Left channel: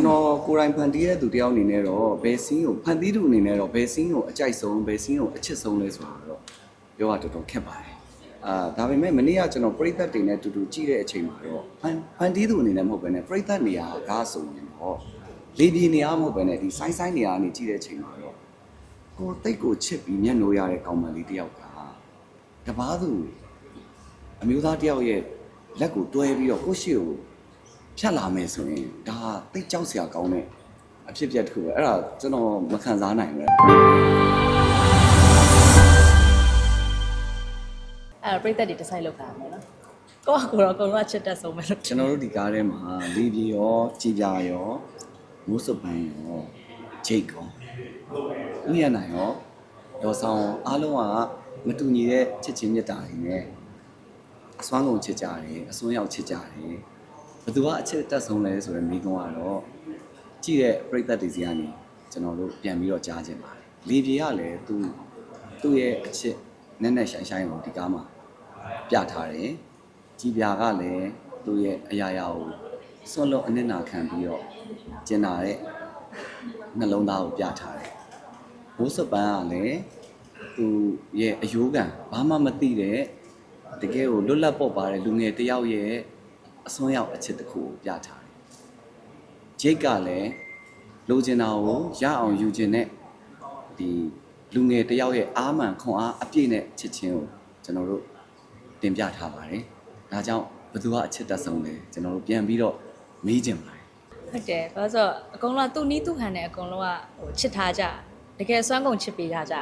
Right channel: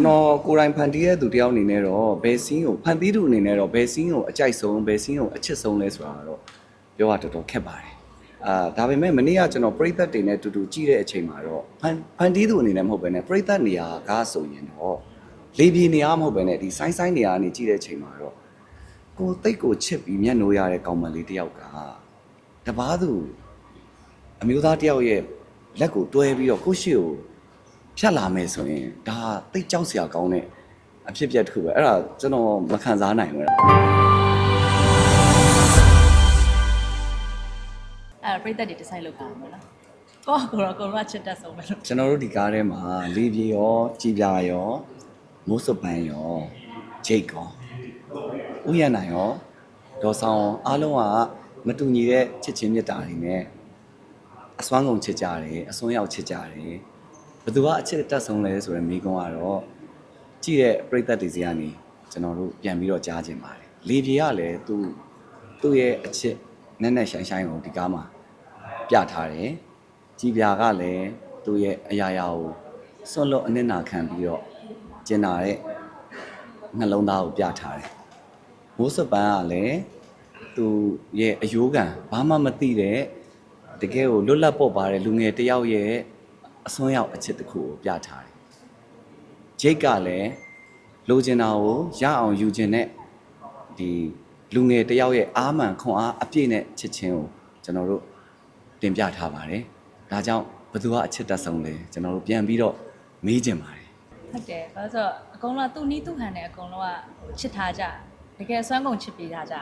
ကျွန်တော်ကိုယ်တိုင်ဖန်တီးတဲ့သူတယောက်အနေနဲ့တော့ဘယ်စီးကိုဖန်တီးသူအနေနဲ့တော့ဘယ်စီးကိုအကြိုက်ဆုံးဘယ်စီးကိုအချစ်ဆုံးလဲဆိုတာတော့ပြောရတော်တော်ခက်ပါတယ်အာဒါပေမဲ့မနေ့ကကျွန်တော်ပြိသက်တွေနဲ့တူတူကြည့်တဲ့အချိန်မှာတော့ဖန်ဖန်တီးသူအနေနဲ့မဟုတ်ဘဲနဲ့ပြိသက်နေရာကားဆိုရင်တော့လေပြေနေရာမဟုတ်ဘဲနဲ့ဒီဆိုင်းဆိုင်းနေရာကနေကြည့်တဲ့အချိန်မှာတော့ကိုယ်တိတ်ကိုချစ်ပြီးမျက်နှိုးရတဲ့ကောင်မလေးတယောက်ကတပားသူအမျိုးသားတယောက်ရဲ့လက်ကိုတွဲပြီးတော့ကိုယ့်ရှိကို ဖြတ်လာမယ်ဆိုရင်ဒါတိတ်ကြောက်စရာကောင်းတဲ့အဖြစ်အပျက်တစ်ခုပဲအဲ့ဒါကျွန်တော်မခံစားနိုင်ဘူးအဲ့ဒါပြိသက်တွေဒီဇိုင်းလုပ်တာပေါ့နော်ကိုကကိုတော့ကိုတော့ချစ်တတ်ဆုံးပဲလို့ကျွန်တော်တို့ဒီကားထဲမှာလေးပြေရောကြည်ပြာရောမိုးစပန်ရောဂျိတ်ကောဥယျာဏရောဒေါ်ဆောင်ရောအားလုံးကမတူညီတဲ့ချစ်ချင်းမြတ်တာတွေနဲ့အစွမ်းကုန်ချစ်ကြတယ်အစွန်းရောက်ချစ်ကြတယ် ဘယ်သူကအချစ်တတ်ဆုံးလဲဆိုရင်မိကုံးကတော့ကြည့်တဲ့ပြိသက်တွေစီကနေကျွန်တော်တို့ပြန်ပြီးတော့ကြားခြင်းပါတယ်လေးပြေကလည်းသူသူ့ရဲ့အချစ်နဲ့နဲ့ဆိုင်ဆိုင်ကိုဒီကားမှာပြထားတယ်ကြည်ပြာကလည်းသူ့ရဲ့အရာရာကိုစွန့်လွတ်အနစ်နာခံပြီးတော့ကျင်နာတဲ့နှလုံးသားကိုပြထားတယ်။မိုးစပန်ကလည်းသူ့ရဲ့အယိုးကန်ဘာမှမသိတဲ့တကယ်ကိုလွတ်လပ်ပေါ့ပါတဲ့လူငယ်တစ်ယောက်ရဲ့ အစွန်းရောက်အချစ်တစ်ခုကိုပြထားတယ်။ဂျိတ်ကလည်းလိုချင်တာကိုရအောင်ယူခြင်းနဲ့ဒီလူငယ်တစ်ယောက်ရဲ့အားမှန်ခွန်အားအပြည့်နဲ့ချစ်ချင်းကိုကျွန်တော်တို့တင်ပြထားပါတယ်။ဒါကြောင့်ဘသူကအချစ်တက်ဆုံးလဲကျွန်တော်တို့ပြန်ပြီးတော့မေးကြပါတယ်ဟုတ်တယ်ဘာလို့ဆိုတော့အကုန်လုံးကသူ့နီးသူ့ခံတယ်အကုန်လုံးကဟိုချစ်ထားကြတကယ်အစွမ်းကုန်ချစ်ပေးထားကြ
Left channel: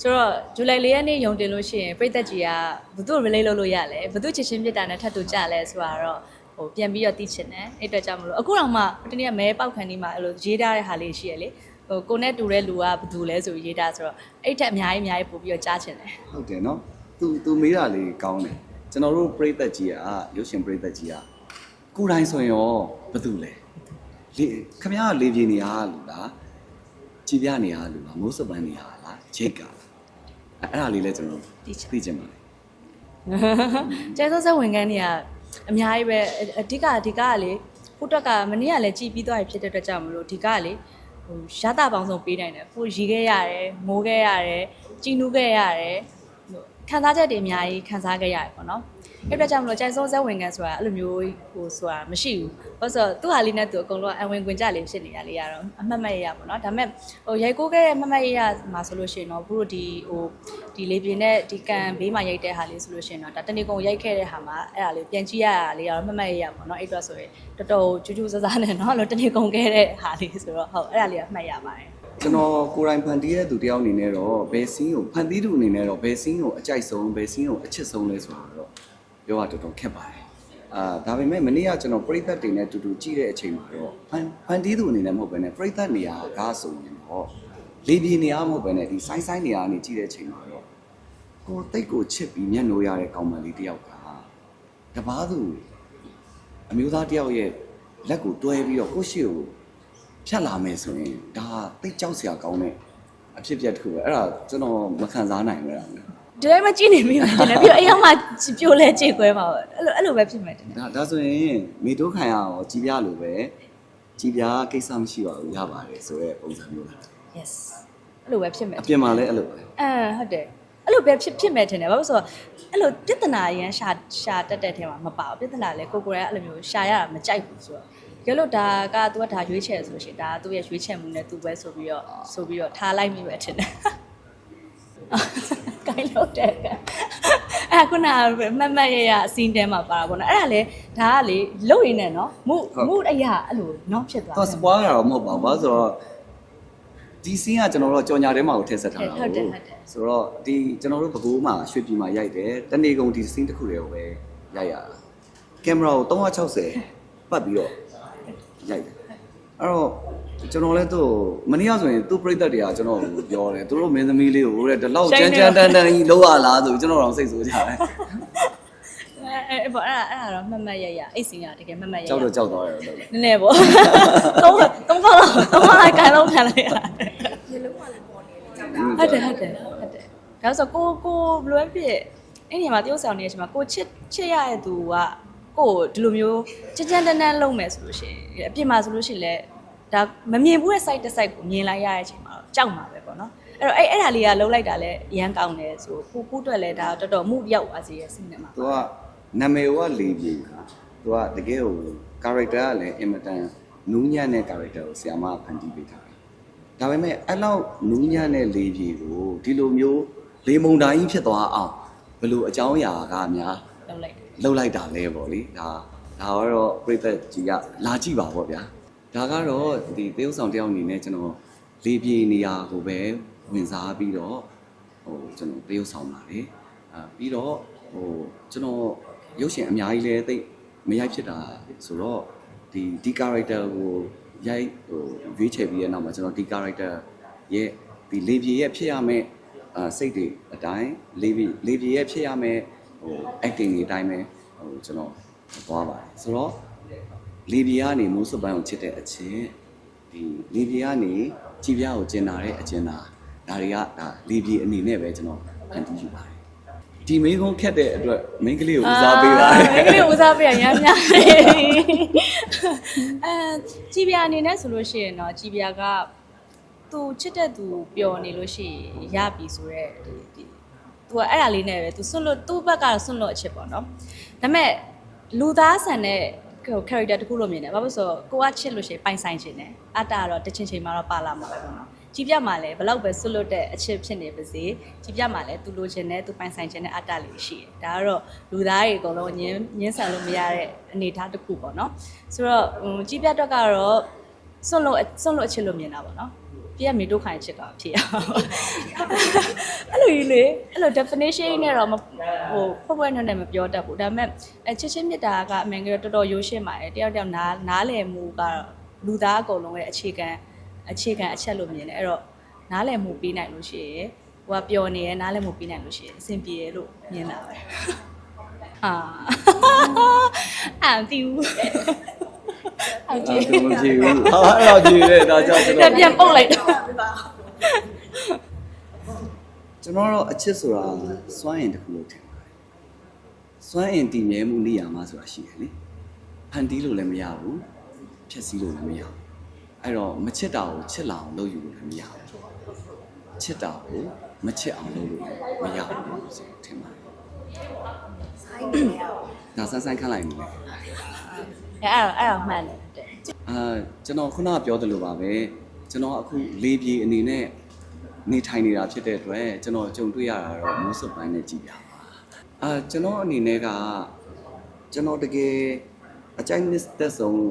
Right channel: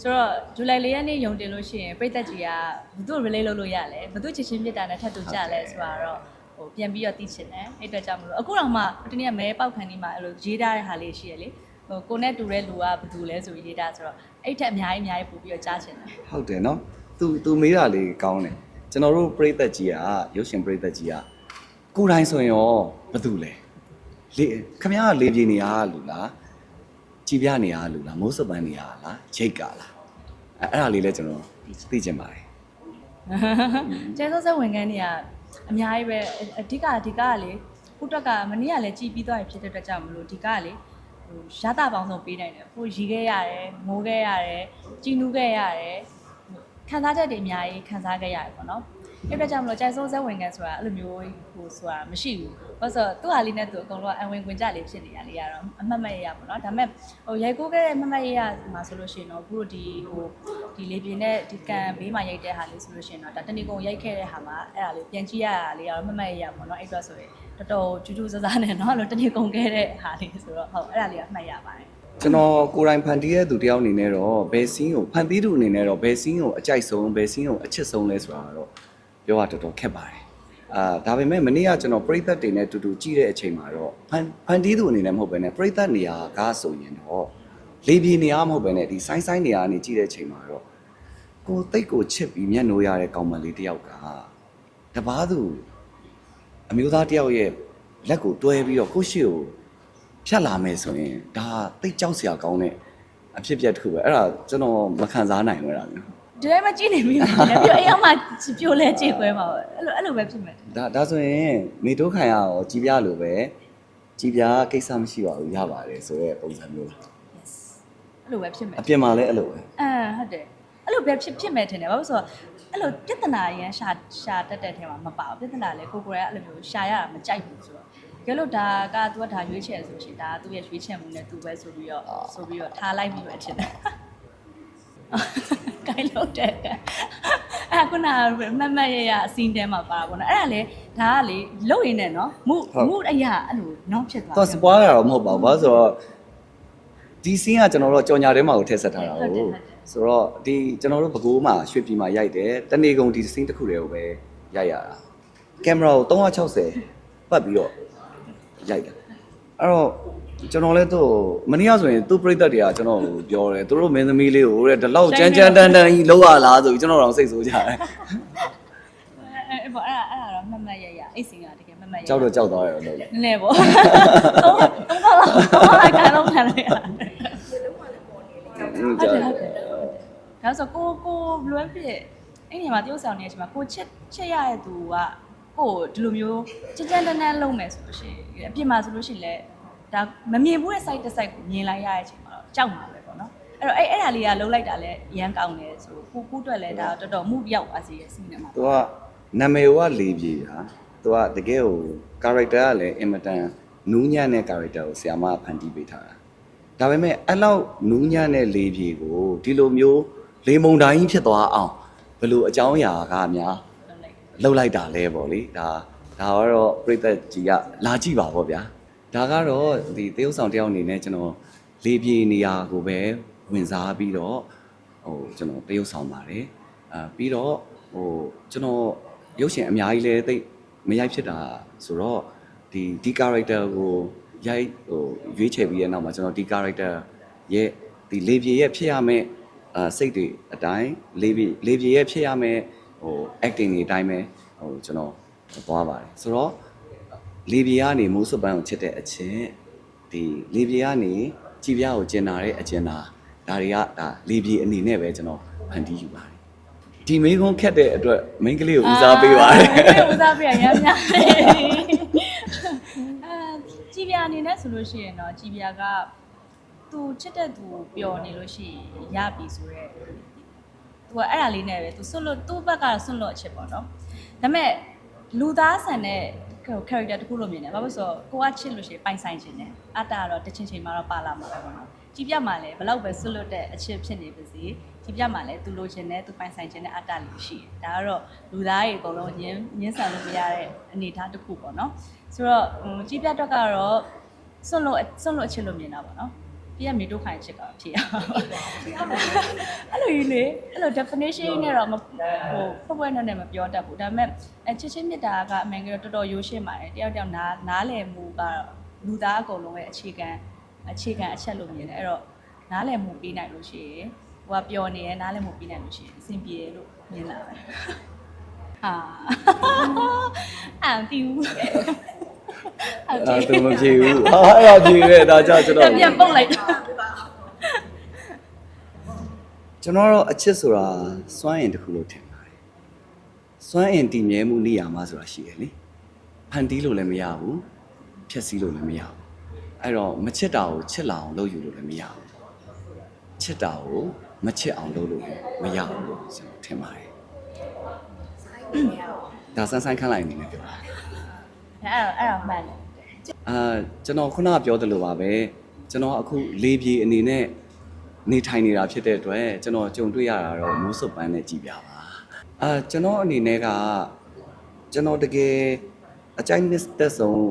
ဆိုတော့ဇူလိုင်၄ရက်နေ့ယုံတင်လို့ရှိရင်ပြိသက်ကြီးကဘသူ့ relate လုပ်လို့ရလဲဘသူ့ချစ်ချင်းမြတ်တာနဲ့ထပ်တူကြလဲဆိုတာတော့ ဟိုပြန်ပြီးတော့သိချင်တယ်အဲ့အတွက်ကြောင့်မလို့အခုတော့မှဒီနေ့ကမဲပေါက်ခံဒီမှာအဲ့လိုရေးထားတဲ့ဟာလေးရှိရလေဟိုကိုနဲ့တူတဲ့လူကဘသူလဲဆိုပြီးရေးထားဆိုတော့အဲ့ထက်အများကြီးအများကြီးပို့ပြီးတော့ကြားချင်တယ်။ဟုတ်တယ်နော်။ तू तू မေးတာလေးကောင်းတယ်။ကျွန်တော်တို့ပြိသက်ကြီးကရုပ်ရှင်ပြိသက်ကြီးကကိုယ်တိုင်ဆိုရင်ရောဘသူလဲ။လေခမရကလေပြေနေရလူလား။ကြည်ပြနေရလူလား။မိုးစပန်နေရလား။ဂျိတ်ကလား။အဲ့အဲ့ဒါလေးလဲကျွန်တော်သိချင်ပါတယ်ကျဲစောစောဝင်ခန်းနေရ အများကြီးပဲအအဓိကအဓိကကလေကိုတွက်ကမနေ့ကလည်းကြည်ပြီးသွားပြီဖြစ်တဲ့အတွက်ကြောင့်မလို့ဒီကကလေဟိုရတာပေါင်းဆုံးပေးနိုင်တယ်ကိုရီခဲ့ရတယ်မိုးခဲ့ရတယ်ကြည်နူးခဲ့ရတယ်ဟိုခံစားချက်တွေအများကြီးခံစားခဲ့ရတယ်ပေါ့နော်အဲ့အတွက်ကြောင့်မလို့ကျဲစောစောဝင်ခန်းဆိုတာအဲ့လိုမျိုးဟိုဆိုတာမရှိဘူးဘာလို့ဆိုတော့သူ့ဟာလေးနဲ့သူအကုန်လုံးအဝင်ခွင်ကြလေးဖြစ်နေရလေးရတော့အမှတ်မဲ့ရပေါ့နော်ဒါပေမဲ့ဟိုရိုက်ကိုးခဲ့တဲ့အမှတ်မဲ့ရရမှာဆိုလို့ရှိရင်တော့ဘုတို့ဒီဟို ဒီလေပြင်းနဲ့ဒီကန်ဘေးမှာရိုက်တဲ့ဟာလေးဆိုလို့ရှိရင်တော့ဒါတဏီကုံရိုက်ခဲ့တဲ့ဟာမှာအဲ့ဒါလေးပြန်ကြည့်ရတာလေးကတော့အမှတ်မဲ့ရရပေါ့နော်အဲ့အတွက်ဆိုရင်တော်တော်ကျူးကျူးဆဆနဲ့နော်အဲ့လိုတဏီကုံခဲ့တဲ့ဟာလေးဆိုတော့ဟုတ်အဲ့ဒါလေးကအမှတ်ရပါတယ်ကျွန်တော်ကိုယ်တိုင်ဖန်တီးတဲ့သူတယောက်အနေနဲ့တော့ဘယ်စီးကိုဖန်တီးသူအနေနဲ့တော့ဘယ်စီးကိုအကြိုက်ဆုံးဘယ်စီးကိုအချစ်ဆုံးလဲဆိုတာတော့ပြောရတော်တော်ခက်ပါတယ်အာဒါပေမဲ့မနေ့ကကျွန်တော်ပြိသက်တွေနဲ့တူတူကြည့်တဲ့အချိန်မှာတော့ဖန်ဖန်တီးသူအနေနဲ့မဟုတ်ဘဲနဲ့ပြိသက်နေရာကားဆိုရင်တော့ လေပြေနေရာမဟုတ်ဘဲနဲ့ဒီဆိုင်းဆိုင်းနေရာကနေကြည့်တဲ့အချိန်မှာတော့ကိုယ်တိတ်ကိုချစ်ပြီးမျက်နှိုးရတဲ့ကောင်မလေးတယောက်ကတပားသူအမျိုးသားတယောက်ရဲ့လက်ကိုတွဲပြီးတော့ကိုယ့်ရှိကိုဖြတ်လာမယ်ဆိုရင်ဒါတိတ်ကြောက်စရာကောင်းတဲ့အဖြစ်အပျက်တစ်ခုပဲအဲ့ဒါကျွန်တော်မခံစားနိုင်ဘူးအဲ့ဒါမျိုးဒီတိုင်းမကြည့်နေမိဘူးပြီးတော့အရောက်မှပြိုလဲကြေခွဲမှာပဲအဲ့လိုအဲ့လိုပဲဖြစ်မယ်တင်ဒါဒါဆိုရင်မိတို့ခံရအောင်ကြည်ပြလို့ပဲကြည်ပြကိစ္စမရှိပါဘူးရပါတယ်ဆိုတဲ့ပုံစံမျိုး yes အဲ့လိုပဲဖြစ်မယ်အပြင်မှာလည်းအဲ့လိုပဲအမ်ဟုတ်တယ်အဲ့လိုပဲဖြစ်ဖြစ်မယ်ထင်တယ်ဘာလို့လဲဆိုတော့အဲ့လိုပြဿနာရန်ရှာရှာတက်တဲ့ထဲမှာမပါဘူးပြဿနာလည်းကိုကိုရဲအဲ့လိုမျိုးရှာရတာမကြိုက်ဘူးဆိုတော့ကြလို့ဒါက तू ကဒါရွေးချယ်ဆိုရှင်ဒါကသူ့ရဲ့ရွေးချယ်မှုနဲ့ तू ပဲဆိုပြီးတော့ဆိုပြီးတော့ထားလိုက်မိပဲထင်တယ်ကိုင်းလို့တဲ့အဲ့ခုနကမတ်မတ်ရရအစင်းတဲမှာပါပါဘောနော်အဲ့ဒါလေဒါကလေလုတ်ရင်းနဲ့နော်မှုမှုအရာအဲ့လိုနောက်ဖြစ်သွားတော့စပွားရတော့မဟုတ်ပါဘူးဘာလို့ဆိုတော့ ဒီစင်းကကျွန်တော်တို့ကြော်ညာထဲမှာကိုထည့်ဆက်ထားတာဟုတ်တယ်ဟုတ်ဟုတ်တယ်ဆိုတော့ဒီကျွန်တော်တို့ဘကိုးမှာရွှေပြည်မှာရိုက်တယ်တနေကုန်ဒီစင်းတစ်ခုတည်းကိုပဲရိုက်ရတာကင်မရာကို360ပတ်ပြီးတော့ရိုက်တယ်အဲ့တော့ကျွန်တော်လည်းသူ့မနေ့ကဆိုရင်သူ့ပြိတ္တတွေကကျွန်တော်ကိုပြောတယ်သူတို့မင်းသမီးလေးကိုတဲ့ဒီလောက်ကြမ်းကြမ်းတန်းတန်းကြီးလောက်ရလားဆိုပြီးကျွန်တော်တော့စိတ်ဆိုးကြတယ်အဲ့အဲ့ပေါ့အဲ့ဒါအဲ့ဒါတော့မတ်မတ်ရရအိတ်စင်ကတကယ်မတ်မတ်ရရကြောက်တော့ကြောက်သွားရောလို့နည်းနည်းပေါ့သုံးသုံးခေါက်လောက်သုံးခေါက်လိုက်ကန်လောက်ခံလိုက်ရတယ် ဟုတ်တယ်ဟုတ်တယ်ဟုတ်တယ်ဒါဆိုကိုကိုဘလွဲဖြစ်အဲ့ဒီမှာတယောက်ဆောင်နေတဲ့အချိန်မှာကိုချစ်ချစ်ရတဲ့သူကကိုဒီလိုမျိုးကြကြတန်းတန်းလုံးမယ်ဆိုလို့ရှိရင်အပြင်မှာဆိုလို့ရှိရင်လည်းဒါမမြင်ဘူးတဲ့ site တစ် site ကိုမြင်လိုက်ရတဲ့အချိန်မှာတော့ကြောက်မှာပဲပေါ့နော်အဲ့တော့အဲ့အဲ့ဒါလေးကလုံးလိုက်တာလည်းအရန်ကောင်းတယ်ဆိုကိုကိုအတွက်လည်းဒါတော်တော်မှုပြောက်သွားစေရဲ့စိတ်နဲ့မှာသူကနာမည်ကလေပြေတာသူကတကယ်ကို character ကလည်းအင်မတန်နူးညံ့တဲ့ character ကိုဆရာမကဖန်တီးပေးထားတာ ဒါပေမဲ့အဲ့လောက်နူးညံ့တဲ့လေပြေကိုဒီလိုမျိုးလေမုန်တိုင်းဖြစ်သွားအောင်ဘယ်လိုအကြောင်းအရာကများလုံးလိုက်တယ်လှုပ်လိုက်တာလဲပေါ့လေဒါဒါကတော့ပြိသက်ကြီးကလာကြည့်ပါပေါ့ဗျာဒါကတော့ဒီသေုပ်ဆောင်တယောက်အနေနဲ့ကျွန်တော်လေပြေနေရာကိုပဲဝင်စားပြီးတော့ဟိုကျွန်တော်သေုပ်ဆောင်ပါတယ်အာပြီးတော့ဟိုကျွန်တော်ရုပ်ရှင်အများကြီးလဲသိပ်မရိုက်ဖြစ်တာဆိုတော့ဒီဒီ character ကို ရိုက်ဟိုရွေးချယ်ပြီးတဲ့နောက်မှာကျွန်တော်ဒီ character ရဲ့ဒီလေပြေရဲ့ဖြစ်ရမယ့်အာစိတ်တွေအတိုင်းလေပြေလေပြေရဲ့ဖြစ်ရမယ့်ဟို acting တွေအတိုင်းပဲဟိုကျွန်တော်သွားပါတယ်ဆိုတော့လေပြေကနေမိုးစွပ်ပန်းကိုချစ်တဲ့အချင်းဒီလေပြေကနေကြည်ပြားကိုကျင်လာတဲ့အချင်းသာဒါတွေကဒါလေပြေအနေနဲ့ပဲကျွန်တော်ဖန်တီးယူပါတယ် ဒီမင်းကုန်းခက်တဲ့အတွက်မင်းကလေးကိုဦးစားပေးပါတယ်အာဒီဦးစားပေးရရမ်းများတယ်အဲကြည်ပြာအနေနဲ့ဆိုလို့ရှိရင်တော့ကြည်ပြာကသူချစ်တဲ့သူပျော်နေလို့ရှိရင်ရပြီဆိုတော့ဒီသူကအဲ့ဒါလေးနဲ့ပဲသူစွန့်လို့သူ့ဘက်ကတော့စွန့်လို့အချစ်ပေါ့နော်ဒါပေမဲ့လူသားဆန်တဲ့ဟို character တစ်ခုလို့မြင်တယ်ဘာလို့လဲဆိုတော့ကိုကချစ်လို့ရှိရင်ပိုင်ဆိုင်ခြင်းတယ်အတ္တကတော့တစ်ချိန်ချိန်မှာတော့ပါလာမှာပဲပေါ့နော် ကြည်ပြမှာလည်းဘလောက်ပဲဆွတ်လွတ်တဲ့အချစ်ဖြစ်နေပါစေကြည်ပြမှာလည်းသူလိုချင်တဲ့သူပိုင်ဆိုင်ခြင်းတဲ့အတ္တလေးရှိတယ်ဒါကတော့လူသားတွေအကုန်လုံးညင်းညင်းဆန်လို့မရတဲ့အနေအထားတစ်ခုပေါ့နော်ဆိုတော့ဟိုကြည်ပြတော့ကတော့ဆွတ်လို့ဆွတ်လို့အချစ်လို့မြင်တာပေါ့နော်ပြည့်မြေတို့ခိုင်ချစ်တာဖြစ်ရအဲ့လိုကြီးလေအဲ့လို definition နဲ့တော့မဟိုဖွဲ့ဖွဲ့နဲ့နဲ့မပြောတတ်ဘူးဒါပေမဲ့အချစ်ချင်းမြတ်တာကအမှန်ကတော့တော်တော်ရိုးရှင်းပါတယ်တယောက်တယောက်နားနားလည်မှုကတော့လူသားအကုန်လုံးရဲ့အခြေခံ အခြေခံအချက်လို့မြင်တယ်အဲ့တော့နားလည်မှုပေးနိုင်လို့ရှိရင်ဟိုကပျော်နေရနားလည်မှုပေးနိုင်လို့ရှိရင်အဆင်ပြေရလို့မြင်လာတယ်ဟာအာတီးဘူးအာဒါတီးသူမဖြေဘူးဟာအဲ့တော့ကြည့်ရဲဒါကြောင့်ကျွန်တော်ပြန်ပုတ်လိုက်တာကျွန်တော်တော့အချစ်ဆိုတာစွမ်းရင်တစ်ခုလို့ထင်ပါတယ်စွမ်းရင်တည်မြဲမှုနေရာမှာဆိုတာရှိတယ်လေဖန်တီးလို့လည်းမရဘူးဖြည့်ဆည်းလို့လည်းမရဘူး အဲ့တော့မချစ်တာကိုချစ်လာအောင်လုပ်ယူလို့လည်းမရဘူးချစ်တာကိုမချစ်အောင်လုပ်လို့လည်းမရဘူးဆိုထင်ပါတယ်ဒါဆန်းဆန်းခန့်လိုက်နေတယ်အဲ့ဒါအဲ့ဒါမှန်တယ်အာကျွန်တော်ခုနကပြောသလိုပါပဲကျွန်တော်အခုလေးပြေအနေနဲ့နေထိုင်နေတာဖြစ်တဲ့အတွက်ကျွန်တော်ကြုံတွေ့ရတာတော့မိုးစုပ်ပန်းနဲ့ကြည်ပြပါအာကျွန်တော်အနေနဲ့ကကျွန်တော်တကယ်အကြိုက်နစ်သက်ဆုံး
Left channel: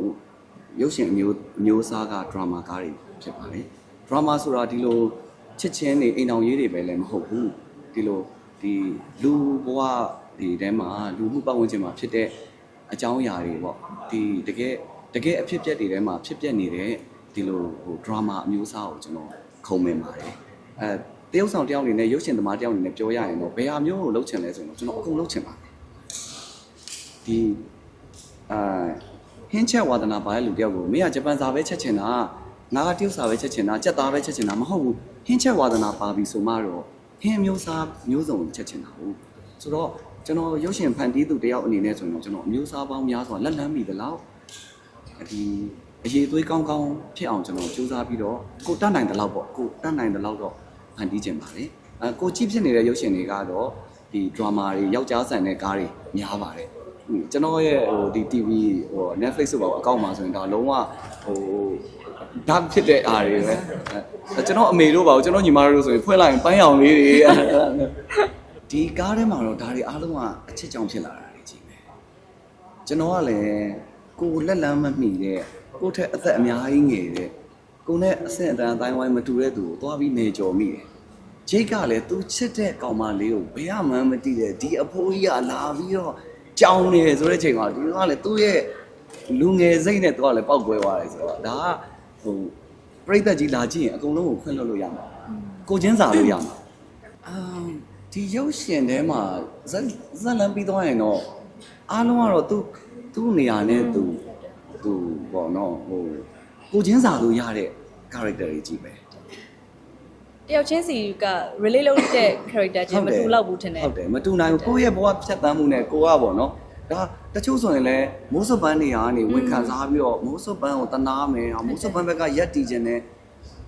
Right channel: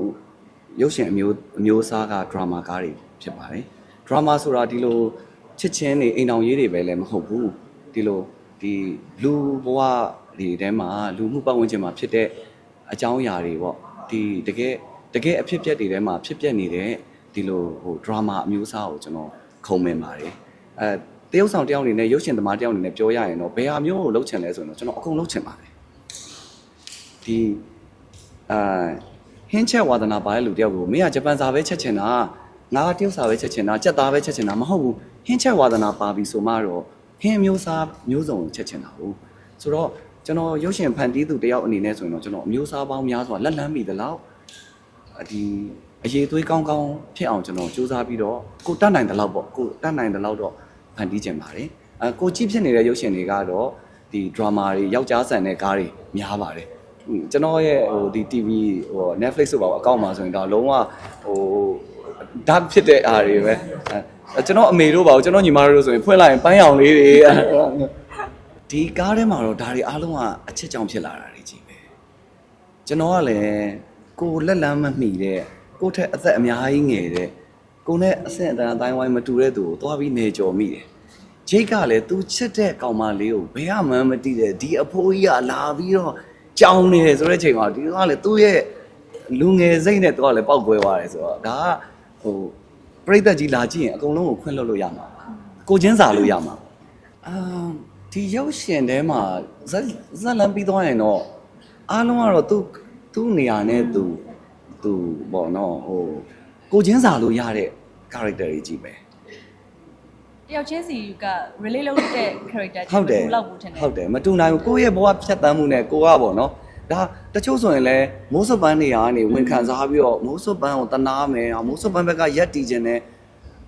ရုပ်ရှင်အမျိုးအမျိုးအစားကဒရာမာကားတွေဖြစ်ပါတယ်ဒရာမာဆိုတာဒီလိုချစ်ချင်းတွေအိမ်အောင်ရေးတွေပဲလည်းမဟုတ်ဘူးဒီလိုဒီလူဘဝတွေထဲမှာလူမှုပတ်ဝန်းကျင်မှာဖြစ်တဲ့အကြောင်းအရာတွေပေါ့ဒီတကယ်တကယ်အဖြစ်အပျက်တွေထဲမှာဖြစ်ပျက်နေတဲ့ဒီလိုဟိုဒရာမာအမျိုးအစားကိုကျွန်တော်ခုံမင်ပါတယ်အဲတရုပ်ဆောင်တယောက်အနေနဲ့ရုပ်ရှင်သမားတယောက်အနေနဲ့ပြောရရင်တော့ဘယ်ဟာမျိုးကိုလုပ်ချင်လဲဆိုရင်တော့ကျွန်တော်အကုန်လုပ်ချင်ပါတယ်ဒီအာ ဟင်းချက်ဝါသနာပါတဲ့လူတယောက်ကိုမင်းကဂျပန်စာပဲချက်ချင်တာငါကတရုတ်စာပဲချက်ချင်တာကြက်သားပဲချက်ချင်တာမဟုတ်ဘူးဟင်းချက်ဝါသနာပါပြီဆိုမှတော့ဟင်းမျိုးစားမျိုးစုံကိုချက်ချင်တာဟုတ်ဆိုတော့ကျွန်တော်ရုပ်ရှင်ဖန်တီးသူတယောက်အနေနဲ့ဆိုရင်တော့ကျွန်တော်အမျိုးစားပေါင်းများစွာလက်လန်းမိသလောက်ဒီအရေးသွေးကောင်းကောင်းဖြစ်အောင်ကျွန်တော်စူးစမ်းပြီးတော့ကိုတတ်နိုင်တဲ့လောက်ပေါ့ကိုတတ်နိုင်တဲ့လောက်တော့ဖန်တီးကြပါတယ်အဲကိုကြည့်ဖြစ်နေတဲ့ရုပ်ရှင်တွေကတော့ဒီ drama တွေယောက်ျားဆန်တဲ့ကားတွေများပါတယ်ဟို ကျွန်တော်ရဲ့ဟိုဒီ TV ဟို Netflix ဆိုပါအကောင့်မှာဆိုရင်တော့လုံးဝဟို dark ဖြစ်တဲ့အားတွေပဲအဲကျွန်တော်အမေတို့ပါကျွန်တော်ညီမတို့ဆိုရင်ဖွင့်လိုက်ရင်ပန်းရောင်လေးတွေဒီကားထဲမှာတော့ဒါတွေအားလုံးကအချစ်ကြောင့်ဖြစ်လာတာတွေကြီးပဲကျွန်တော်ကလည်းကိုယ်လက်လန်းမမှီတဲ့ကိုယ့်ထက်အသက်အများကြီးငယ်တဲ့ကိုယ်နဲ့အဆင့်အတန်းအတိုင်းဝိုင်းမတူတဲ့သူကိုသွားပြီးနေကြော်မိတယ်။ဂျိတ်ကလည်းသူချစ်တဲ့ကောင်မလေးကိုဘယ်ကမှမသိတဲ့ဒီအဖိုးကြီးကလာပြီးတော့ ကြောင်းနေတယ်ဆိုတဲ့ချိန်မှာဒီကလည်းသူ့ရဲ့လူငယ်စိတ်နဲ့သူကလည်းပောက်ကွဲသွားတယ်ဆိုတော့ဒါကဟိုပြိသက်ကြီးလာကြည့်ရင်အကုန်လုံးကိုခွင့်လွှတ်လို့ရမှာပါကိုချင်းစာလို့ရမှာအာဒီရောက်ရှင်ထဲမှာဇက်ဇက်လန်းပြီးသွားရင်တော့အားလုံးကတော့သူသူ့နေရာနဲ့သူသူပေါ့နော်ဟိုကိုချင်းစာလို့ရတဲ့ character တွေကြီးပဲတ ယောက်ချင်းစီက relate လုပ်တဲ့ character ချင်းမတူတော့ဘူးထင်တယ်ဟုတ်တယ်မတူနိုင်ဘူးကိုယ့်ရဲ့ဘဝဖြတ်သန်းမှုနဲ့ကိုကပေါ့နော်ဒါဒါတချို့ဆိုရင်လည်းမိုးစပန်းတွေကနေဝင်ခံစားပြီးတော့မိုးစပန်းကိုတနာမယ်ဟာမိုးစပန်းဘက်ကရက်တီခြင်းနဲ့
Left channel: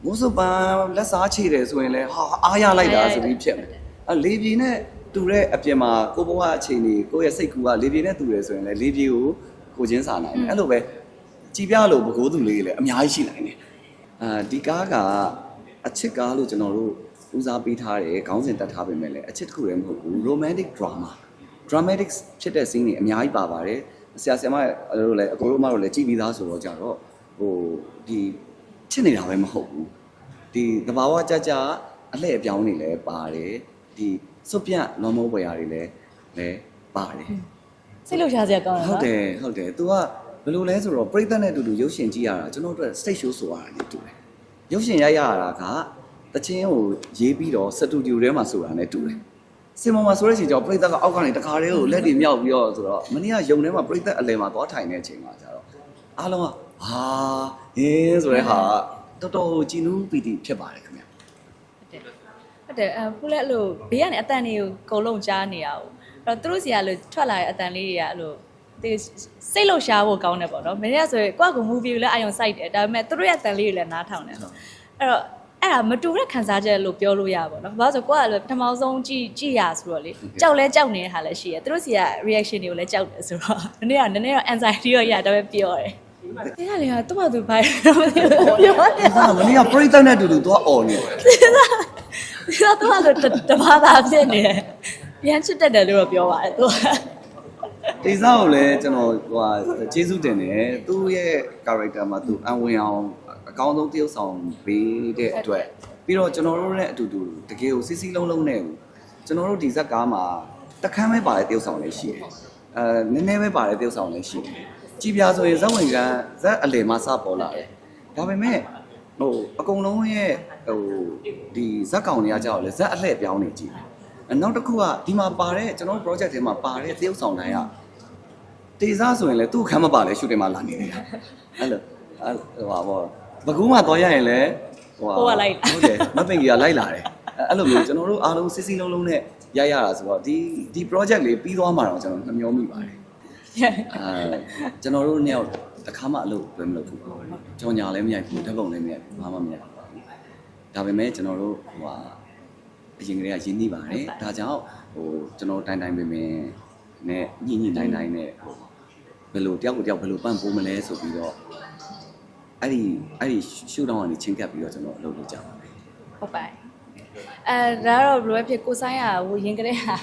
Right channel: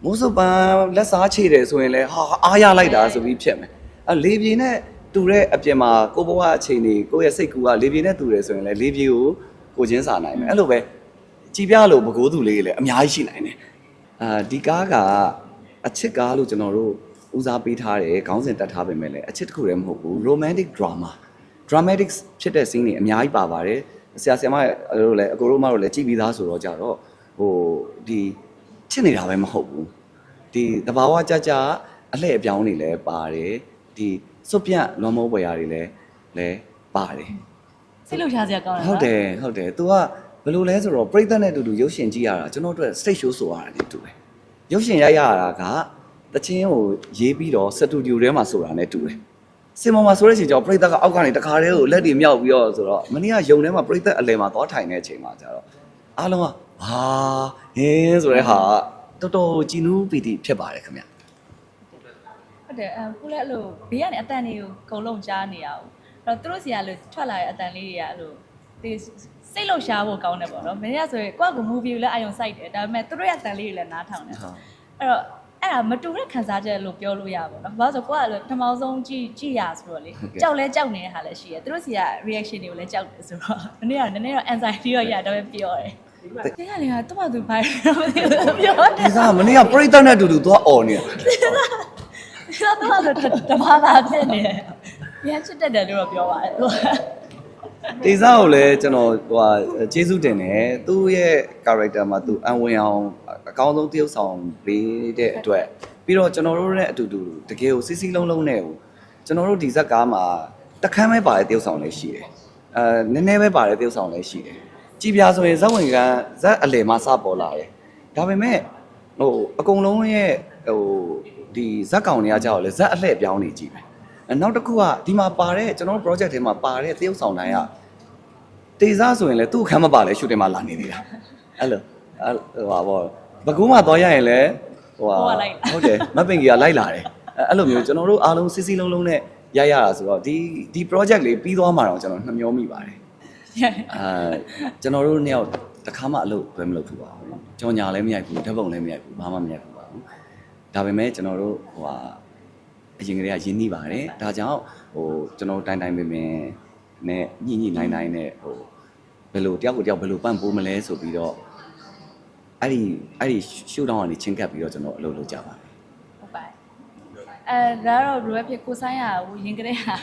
မိုးစပန်းလက်စားချေတယ်ဆိုရင်လည်းဟာအားရလိုက်တာဆိုပြီးဖြစ်မယ်အဲလေပြေနဲ့တူတဲ့အပြင်မှာကိုဘဝအချိန်တွေကိုယ့်ရဲ့စိတ်ကူကလေပြေနဲ့တူတယ်ဆိုရင်လည်းလေပြေကိုကိုချင်းစာနိုင်တယ်အဲ့လိုပဲကြည်ပြလို့မကိုးသူလေးလည်းအများကြီးရှိနိုင်တယ်အာဒီကားက အချစ်ကားလို့ကျွန်တော်တို့ဦးစားပေးထားတယ်ခေါင်းစဉ်တက်ထားပေမဲ့လည်းအချစ်တစ်ခုတည်းမဟုတ်ဘူး romantic drama dramatic ဖြစ်တဲ့ scene တွေအများကြီးပါပါတယ်ဆရာဆရာမတို့လည်းအကိုတို့မတို့လည်းကြည့်ပြီးသားဆိုတော့ကြတော့ဟိုဒီချစ်နေတာပဲမဟုတ်ဘူးဒီတဘာဝကြကြအလှည့်အပြောင်းတွေလည်းပါတယ်ဒီစွတ်ပြတ်လွန်မုံပွဲရတွေလည်းလည်းပါတယ်စိတ်လှုပ်ရှားစရာကောင်းတယ်ဟုတ်နော်တယ်ဟုတ်တယ် तू ကဘယ်လိုလဲဆိုတော့ပြိဿနဲ့အတူတူရုပ်ရှင်ကြည့်ရတာကျွန်တော်တို့ stage show ဆိုရတာ ਨੇ တူတယ် ရုပ်ရှင်ရိုက်ရတာကတချင်းကိုရေးပြီးတော့စတူဒီယိုထဲမှာဆိုတာ ਨੇ တူတယ်စင်မော်မှာဆိုတဲ့အချိန်ကျတော့ပြိဿကအောက်ကနေတခါတည်းကိုလက်တွေမြောက်ပြီးတော့ဆိုတော့မနေ့ကယုံထဲမှာပြိဿအလယ်မှာသွားထိုင်တဲ့အချိန်မှာကျတော့အားလုံးကဟာဟင်းဆိုတဲ့ဟာတော်တော်ကြည်နူးပီတိဖြစ်ပါတယ်ခင်ဗျဟုတ်တယ်အဲခုလည်းအဲ့လိုဘေးကနေအတန်တွေကိုအကုန်လုံးကြားနေရအောင်အဲ့တော့သူတို့စီကလို့ထွက်လာတဲ့အတန်လေးတွေကအဲ့လို ဒီစိတ်လှုပ်ရှားဖို့ကောင်းတယ်ပေါ့နော်မင်းကဆိုရင်ကိုယ့်ကို movie ကိုလည်းအာရုံစိုက်တယ်ဒါပေမဲ့သူတို့ရဲ့အတန်လေးတွေလည်းနားထောင်တယ်ဟုတ်အဲ့တော့အဲ့ဒါမတူတဲ့ခံစားချက်လို့ပြောလို့ရပါတော့။ဘာလို့ဆိုကိုကလည်းပထမဆုံးကြည့်ကြည့်ရဆိုတော့လေကြောက်လဲကြောက်နေတဲ့ဟာလည်းရှိရ။သူတို့စီက reaction တွေကိုလည်းကြောက်တယ်ဆိုတော့ဒီနေ့ကနည်းနည်းတော့ anxiety တော့ရတော့ပဲပြောတယ်။တရားလေကသူ့ဘာသူဘာပြောတယ်ဒီကမနေ့ကပြိဿနဲ့အတူတူသွားអော်နေတယ်။ဒီတော့သူကတဘာသာဖြစ်နေတယ်။ပြန်ချစ်တတ်တယ်လို့တော့ပြောပါတယ်သူက တေစားကိုလည်းကျွန်တော်ဟိုဟာကျေးဇူးတင်တယ်သူ့ရဲ့ character မှာသူအံဝင်အောင်အကောင်းဆုံးတရုပ်ဆောင်ပေးတဲ့အတွက်ပြီးတော့ကျွန်တော်တို့နဲ့အတူတူတကယ်ကိုစစ်စစ်လုံးလုံးနဲ့ကိုကျွန်တော်တို့ဒီဇက်ကားမှာတခမ်းပဲပါတဲ့တရုပ်ဆောင်လေးရှိတယ်အဲနည်းနည်းပဲပါတဲ့တရုပ်ဆောင်လေးရှိတယ်ကြည်ပြာဆိုရင်ဇက်ဝင်ကဇက်အလယ်မှာစပေါ်လာတယ်ဒါပေမဲ့ဟိုအကုန်လုံးရဲ့ဟိုဒီဇက်ကောင်တွေကကြောက်လေဇက်အလှည့်ပြောင်းနေကြည့်တယ်အဲနောက်တစ်ခုကဒီမှာပါတဲ့ကျွန်တော်တို့ project ထဲမှာပါတဲ့တရုပ်ဆောင်တိုင်းက တေစားဆိုရင်လည်းသူ့ခမ်းမပါလဲရှူတင်မှာလာနေသေးတာအဲ့လိုအဲ့ဟိုပါဘောဘကုံးမှာသွားရရင်လည်းဟိုဟုတ်တယ်မပင်ကြီးကလိုက်လာတယ်အဲ့လိုမျိုးကျွန်တော်တို့အားလုံးစစ်စစ်လုံးလုံးနဲ့ရရတာဆိုတော့ဒီဒီ project လေးပြီးသွားမှာတော့ကျွန်တော်နှမျောမိပါတယ်အဲကျွန်တော်တို့နှစ်ယောက်တစ်ခါမှအလုပ်ပဲမလုပ်ဘူးပါဘူးကြော်ညာလည်းမရိုက်ဘူးဓာတ်ပုံလည်းမရိုက်ဘူးဘာမှမရိုက်ဘူးပါဘူးဒါပေမဲ့ကျွန်တော်တို့ဟိုဟာအရင်ကတည်းကရင်းနှီးပါတယ်ဒါကြောင့်ဟိုကျွန်တော်တိုင်တိုင်ပင်ပင် နဲ့ညှိညှိနိုင်နိုင်နဲ့ဟိုဘယ်လိုတယောက်ကိုတယောက်ဘယ်လိုပန့်ပိုးမလဲဆိုပြီးတော့အဲ့ဒီအဲ့ဒီရှူတောင်းကနေချင်းကပ်ပြီးတော့ကျွန်တော်အလုပ်လုပ်ကြပါမယ်ဟုတ်ပါတယ်အဲဒါတော့ဘယ်လိုပဲဖြစ်ကိုဆိုင်ရဟိုရင်ကလေးဟာ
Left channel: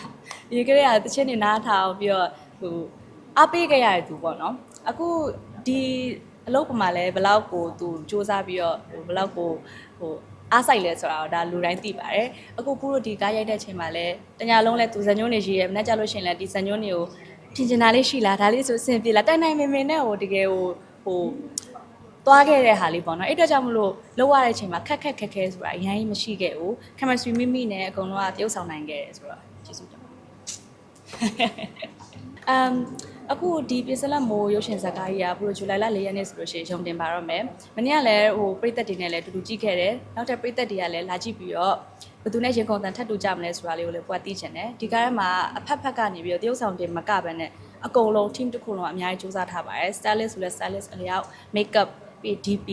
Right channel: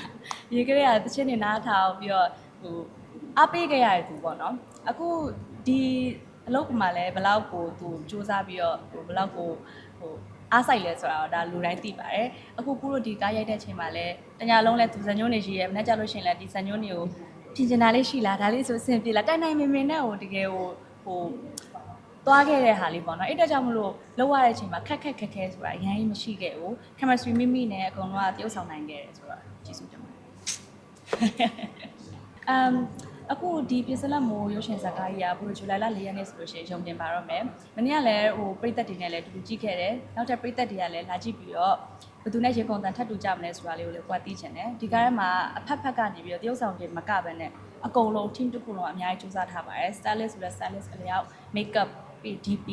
ရင်ကလေးဟာတချင်းနေနားထားအောင်ပြီးတော့ဟိုအားပေးခဲ့ရတဲ့သူပေါ့နော်အခုဒီအလုပ်ပမာလဲဘယ်လောက်ကိုသူစူးစမ်းပြီးတော့ဟိုဘယ်လောက်ကိုဟို အားဆိုင်လဲဆိုတာတော့ဒါလူတိုင်းသိပါတယ်အခုခုတို့ဒီကားရိုက်တဲ့အချိန်မှာလဲတညာလုံးလဲသူဇညုံးနေရှိရဲမနေ့ကျလို့ရှိရင်လဲဒီဇညုံးတွေကိုထင်ချင်တာလေးရှိလားဒါလေးဆိုအဆင်ပြေလားတိုင်တိုင်မင်မင်နဲ့ဟိုတကယ်ဟိုဟိုသွားခဲ့တဲ့ဟာလေးပေါ့နော်အဲ့အတွက်ကြောင့်မလို့လောက်ရတဲ့အချိန်မှာခက်ခက်ခက်ခဲဆိုတာအရင်မရှိခဲ့ဘူး chemistry မိမိနဲ့အကုန်လုံးကတရုပ်ဆောင်နိုင်ခဲ့တယ်ဆိုတော့ကျေးဇူးတင်ပါတယ်အမ် အခုဒီပစ္စလက်မိုးရုပ်ရှင်ဇာတ်ကားကြီးကဘို့ဇူလိုင်လ၄ရက်နေ့ဆိုလို့ရှိရင်ရုံတင်ပါတော့မယ်။မနေ့ကလည်းဟိုပရိသတ်တွေနဲ့လည်းတူတူကြည့်ခဲ့တယ်။နောက်ထပ်ပရိသတ်တွေကလည်းလာကြည့်ပြီးတော့ဘယ်သူနဲ့ရေကုန်တန်ထပ်တူကြမလဲဆိုတာလေးကိုလည်းကိုယ်ကသိချင်တယ်။ဒီကားထဲမှာအဖက်ဖက်ကနေပြီးတော့တရုပ်ဆောင်တင်မကပဲနဲ့အကုန်လုံး team တစ်ခုလုံးကအများကြီးစူးစမ်းထားပါတယ်။ stylist ဆိုလည်း stylist အလျောက် makeup ပြီး DP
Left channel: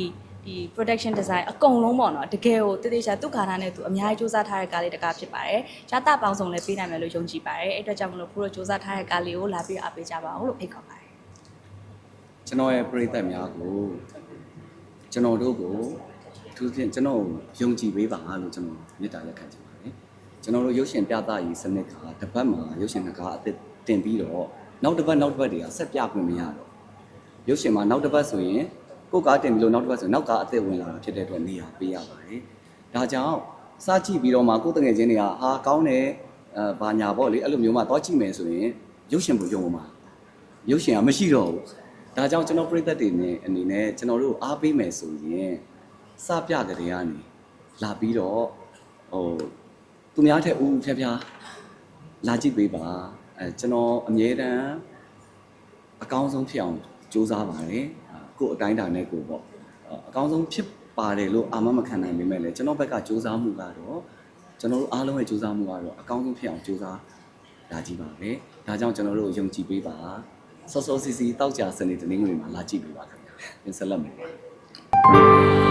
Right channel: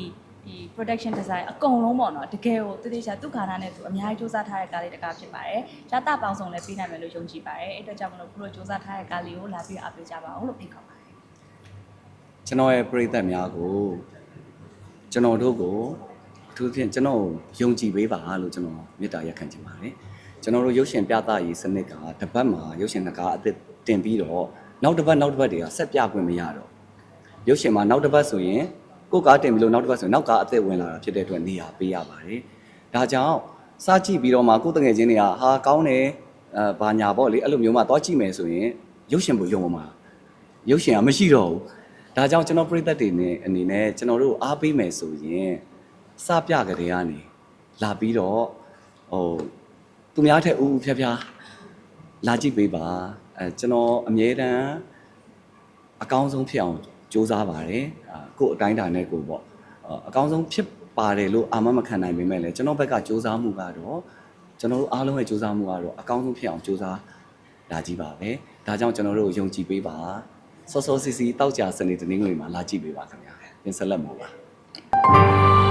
ဒီ production design အကုန်လုံးပေါ့နော်တကယ်ကိုတည်တည်ချာသူ့ခါသားနဲ့သူအများကြီးစူးစမ်းထားတဲ့ကားလေးတစ်ကားဖြစ်ပါတယ်။ရှားတာပေါင်းစုံလည်းပေးနိုင်မယ်လို့ယုံကြည်ပါတယ်။အဲ့အတွက်ကြောင့်မလို့ကိုတို့စူးစမ်းထားတဲ့ကားလေးကိုလာပြီးအားပေးကြပါအောင်လို့ဖိတ်ခေါ်ပါတယ်ကျွန်တော်ရဲ့ပရိသတ်များကိုကျွန်တော်တို့ကိုအထူးသဖြင့်ကျွန်တော်ယုံကြည်ပေးပါလို့ကျွန်တော်မေတ္တာရက်ခံချင်ပါတယ်ကျွန်တော်တို့ရုပ်ရှင်ပြသရေးစနစ်ကတစ်ပတ်မှာရုပ်ရှင်တစ်ကားအသစ်တင်ပြီးတော့နောက်တစ်ပတ်နောက်တစ်ပတ်တွေကဆက်ပြခွင့်မရတော့ရုပ်ရှင်မှာနောက်တစ်ပတ်ဆိုရင် ကိုယ်ကားတင်ပြီးလို့နောက်တစ်ပတ်ဆိုရင်နောက်ကားအသစ်ဝင်လာတာဖြစ်တဲ့အတွက်နေရာပေးရပါတယ်ဒါကြောင့်စကြည့်ပြီးတော့မှကိုယ်တငယ်ချင်းတွေကဟာကောင်းတယ်အဲဘာညာပေါ့လေအဲ့လိုမျိုးမှသွားကြည့်မယ်ဆိုရင်ရုပ်ရှင်ကိုယုံမှာရုပ်ရှင်ကမရှိတော့ဘူးဒါကြောင့်ကျွန်တော်ပြိသက်တွေနဲ့အနေနဲ့ကျွန်တော်တို့အားပေးမယ်ဆိုရင်စပြကြတဲ့ကနေလာပြီးတော့ဟိုသူများထက်ဦးဦးဖြားဖြားလာကြည့်ပေးပါအဲကျွန်တော်အမြဲတမ်းအကောင်းဆုံးဖြစ်အောင် ကြိုးစားပါတယ်အာကိုယ့်အတိုင်းအတာနဲ့ကိုယ်ပေါ့အာအကောင်းဆုံးဖြစ်ပါတယ်လို့အာမမခံနိုင်ပေမဲ့လည်းကျွန်တော်ဘက်ကကြိုးစားမှုကတော့ကျွန်တော်တို့အားလုံးရဲ့ကြိုးစားမှုကတော့အကောင်းဆုံးဖြစ်အောင်ကြိုးစားလာကြည့်ပါမယ်ဒါကြောင့်ကျွန်တော်တို့ယုံကြည်ပေးပါစောစောစီစီတောက်ကြစနေတနင်္ဂနွေမှာလာကြည့်ပေးပါခင်ဗျာပြင်ဆက်လက်မှာပါ